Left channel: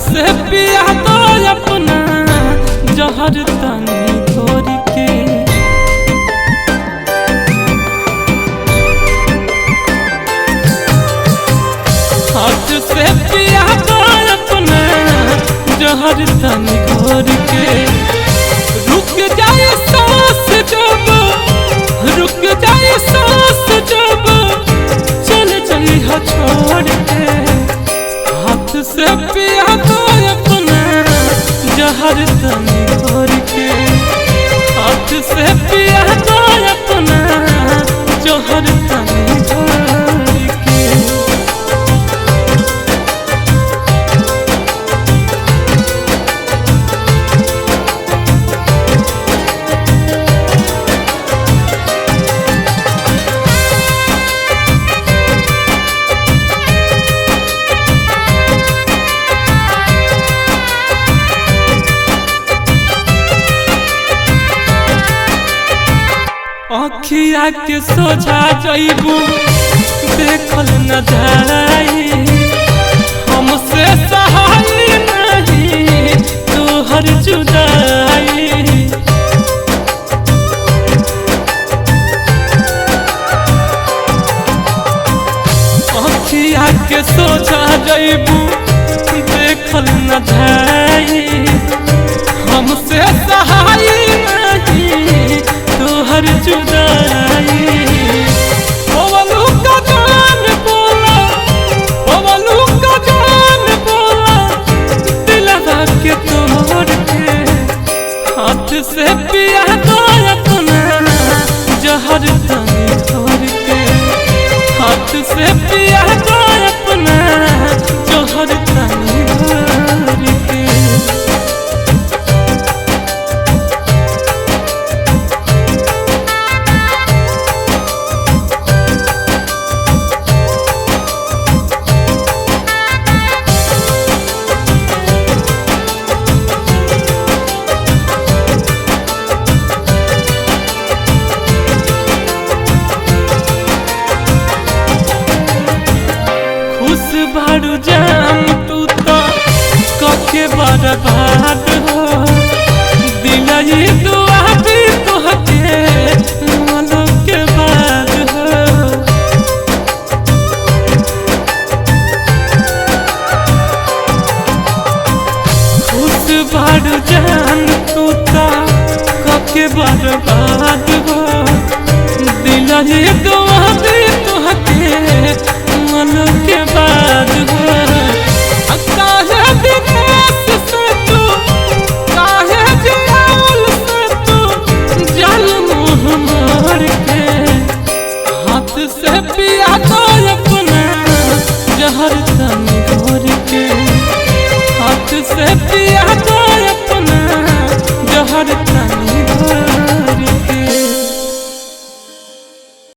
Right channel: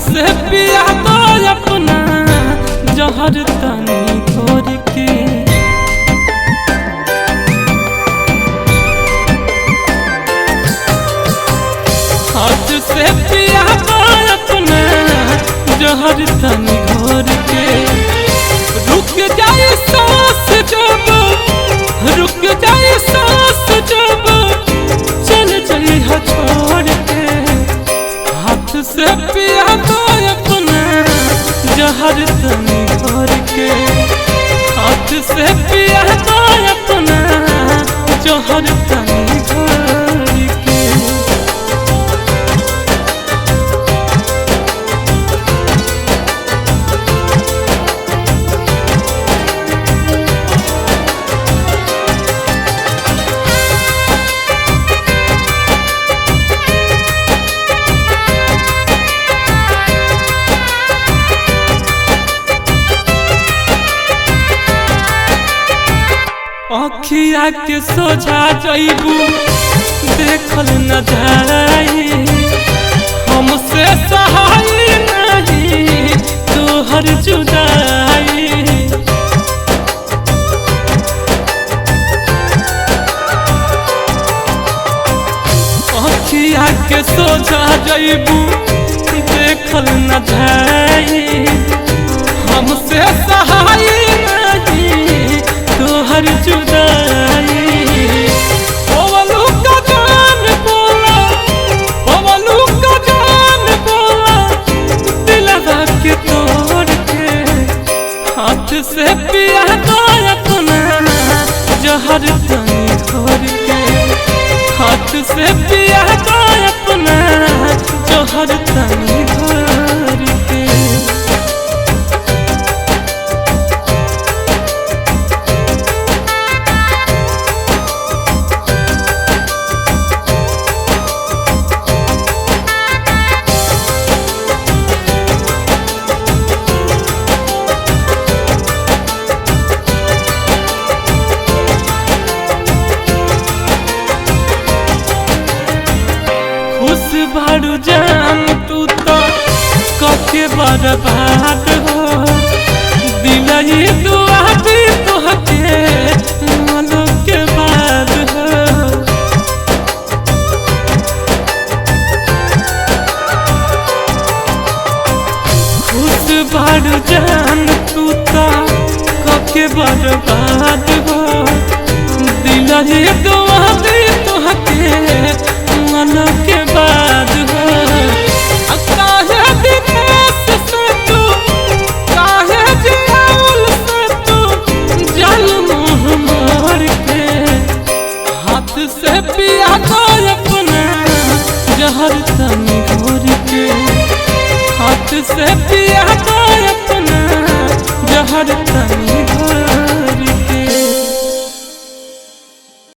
से पिया दो अपना जहर तनी घोर के। हाथ से पिया दो अपना जहर तनी घोर के। रुक जाए सांस जब, रुक जाए सांस जब चल जाइए छोड़ के। हाथ से पिया दो अपना जहर तनी घोर के। हाथ से पिया दो अपना जहर तनी घोर के। अखिया के सोझा जइबू देखल न जाई, हमसे सहाय नहीं तोहर जुदाई। अखिया के सोझा जइबू देखल न जाई, हमसे सहाय नहीं तोहर जुदाई। पवलू का जान बोला, पवलू का जान बोला दिलवा के तोड़ के। हाथ से पिया दो अपना जहर तनी घोर के। हाथ से पिया दो अपना जहर तनी घोर के। खुश बारू जान तू तो कके बर्बाद हो। दिलई दुआ भी तुहके मनो के बाद हो। खुश बारू जान तू तो कके बर्बाद हो। दिलई दुआ भी तुहके मनो के बाद हो। काहे दिनेश से तू, काहे जियाउल से तू जान मुँह मोड़ के। हाथ से पिया दो अपना जहर तनी घोर के। हाथ से पिया दो अपना जहर तनी घोर के।